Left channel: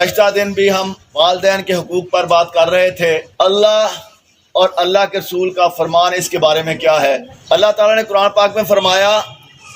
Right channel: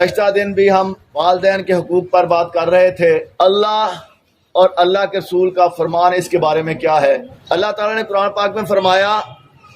गुज़श्ता दिन भी हम वालिदैन के हुकूक पर बात कर रहे थे। अल्लाह और अल्लाह के रसूल का फरमान इसके बारे में क्या है। अल्लाह ताला ने कुरान पाक में फरमाया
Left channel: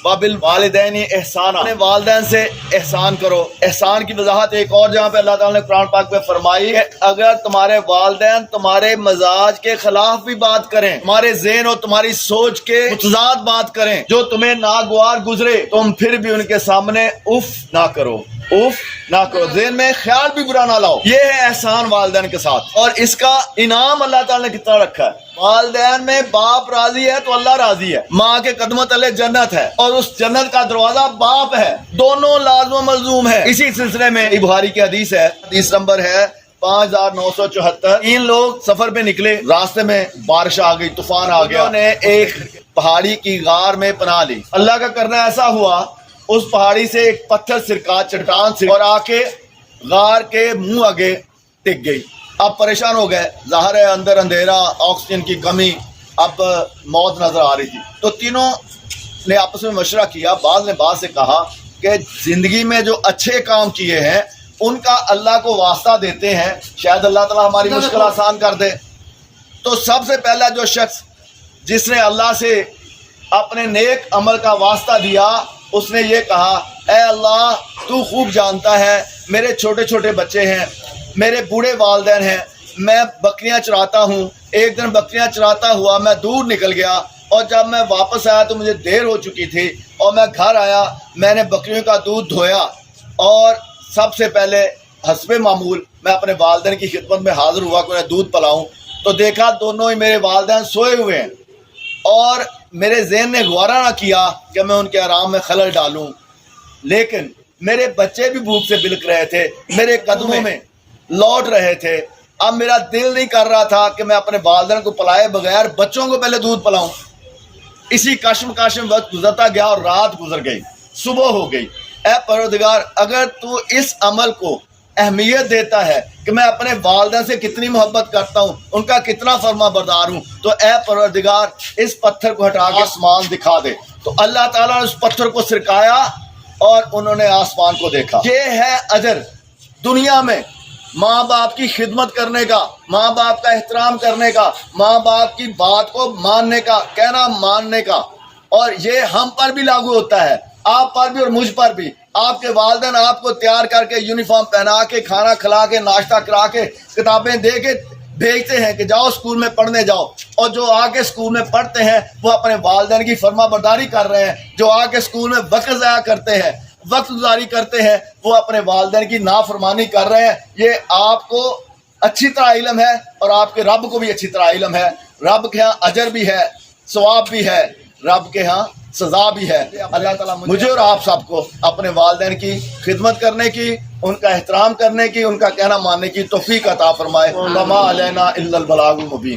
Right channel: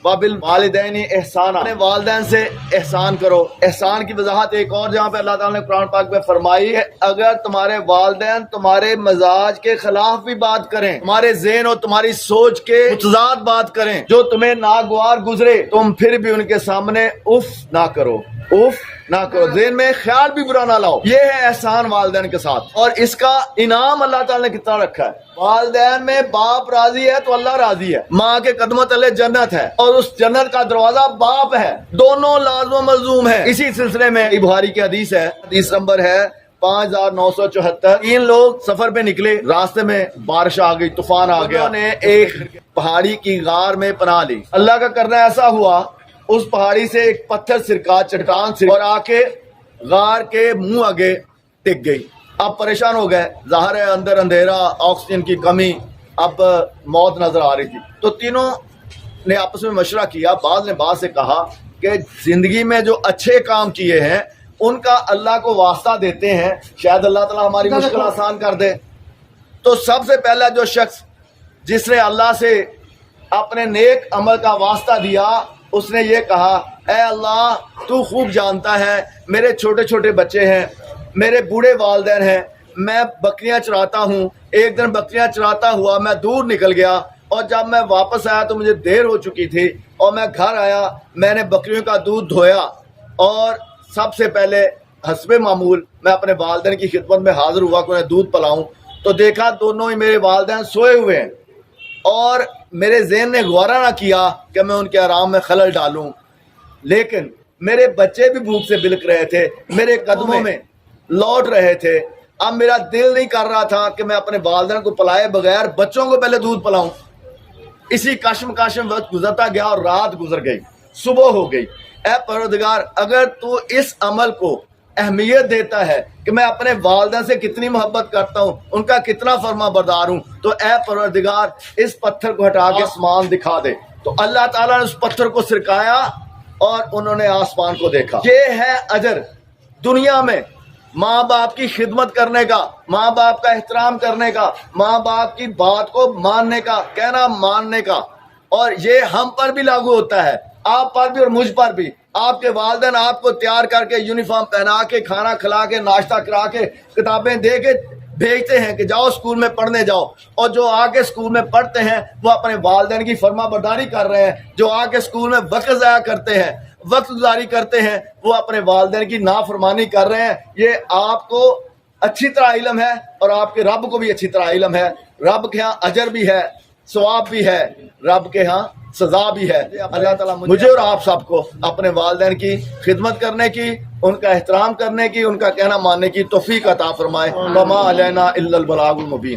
वबिल वालिदैनि एहसाना, अपने वालिदैन से एहसान करो। एहसान की वजाहत एक और जहाँ पे अल्लाह ताला ने कुरान पाक में फरमाई है, अगर तुम्हारे वालिदैन तुम्हारे मजाज के खिलाफ भी बात करें, तुम्हारे ज़हन और तुम्हारी सोच के मुतज़ाद बात करें, जो तुम्हें नागवार गुजरे, तुम फिर भी उनके सामने उफ ना करो, उफ ना करो, ज़हन में ख्याल भी बुरा ना लाओ। ये है एहसान वालिदैन के साथ, और इसका इनाम अल्लाह ताला ने कितना रखा है। वालिदैन में बाप राजी है तो अल्लाह राजी है। माँ के कदमों तले जन्नत है और उस जन्नत का दरवाजा बाप है, दोनों लाज़िम मलज़ूम है। इसी सिलसिले में बुखारी की हदीस है, हदीस नंबर है 5974। 3 लोग सफर पे निकले, रास्ते में बारिश आ गई, तूफान आ गया, उन्होंने एक पहाड़ी की गार में पनाह ली। अल्लाह का करना ऐसा हुआ, उस पहाड़ी से एक पत्थर सिरका, चट्टान से, और आके गार के मुंह आगे टिक गई। अब परेशान हो गए, ज़ाहिर है अंदर अंधेरा, ऑक्सीजन की कमी, अब मौत नजर आ रही थी। तो तीनों ने आपस में मशवरा किया। बाद ने बात से कहा कि जिंदगी में जो अच्छे काम किए हैं उनका अल्लाह को वास्ता देते हैं, शायद अल्लाह ताला हमारी मुश्किल आसान कर दे। तो सबसे पहला जो शख्स जिसने अल्लाह से अपने नेक अमल का वास्ता दिया, उसने ये कहा, ऐ अल्लाह तू खूब जानता है मेरे छोटे छोटे बच्चे हैं, मेरे बूढ़े वालिदैन हैं, मैं बकरियां चराता हूँ। एक दिन बकरियां चराता हुआ मैं दूर निकल गया, और जब मैं वापस आया तो मुझे देर हो चुकी थी, और मैं घर आया, मैंने बकरियों का दूध धोया, और सबसे पहले हस्बे मामूल मैं अपने वालिदैन की खिदमत में हाजिर हुआ कि उन्हें दूध पिलाऊं। तो देखा दोनों ही मेरे वालिदैन सोए हुए हैं, और मेरे ज़हन ने गौरा ना किया कि मैं उनके आराम में खलल डालूं। लेकिन मेरे बच्चे भी भूख से बिलक रहे थे, मेरे कदमों में लौट रहे थे। अब मेरा दिल नहीं कर रहा था कि मैं अपने वालिदैन को पिलाए बगैर बच्चों को पहले दूध पिलाऊं। इसी कश्म वक्त गुजरता गया और रात गुजर गई, सुबह हो गई। ऐ परवरदिगार, अगर तू इस अमल को अहमियत देता है कि मैं अपने वालिदैन से कितनी मोहब्बत करता हूँ, उनका कितना फर्मा बरदार हूँ, तो ऐ परवरदिगार इस पत्थर को हटा के आसमान दिखा दे। तो अल्लाह ताला ने उस पत्थर को सिरकाया और उन्होंने आसमान को देखा। ये है अजर दुनिया में माँ बाप की खिदमत करने का, माँ बाप का एहतराम करने का, माँ बाप की बात को मानने का, कहना मानने का। और ये हम पर भी लागू होता है, आप पर भी और मुझ पर भी। आपके वालिदैन आपको तैयार करके, यूनिफॉर्म पहना के, खाना खिला के, नाश्ता करा के, किताबें दे के भेजते हैं कि जाओ स्कूल में पढ़ने जाओ, और जो आके स्कूल में पढ़ते हैं वो अपने वालिदैन की फर्मा बरदारी कर रहे हैं। जो आके स्कूल में वक्त ज़ाया करते हैं, वक्त गुजारी करते हैं, वो अपने वालिदैन की नाफरमानी कर रहे हैं। ये आपको अच्छी तरह इल्म है, और आपके रब को भी अच्छी तरह इल्म है। रब के यहाँ अजर भी है, सवाब भी है, रब के यहाँ सजा भी है। अल्लाह ताला मुझे और आप सबको अपने वालिदैन की खिदमत करने की, उनका एहतराम करने की, उनका कहना मानने की तौफीक अता फरमाए। वमा अलैना इल्लल बलागुल मुबीन।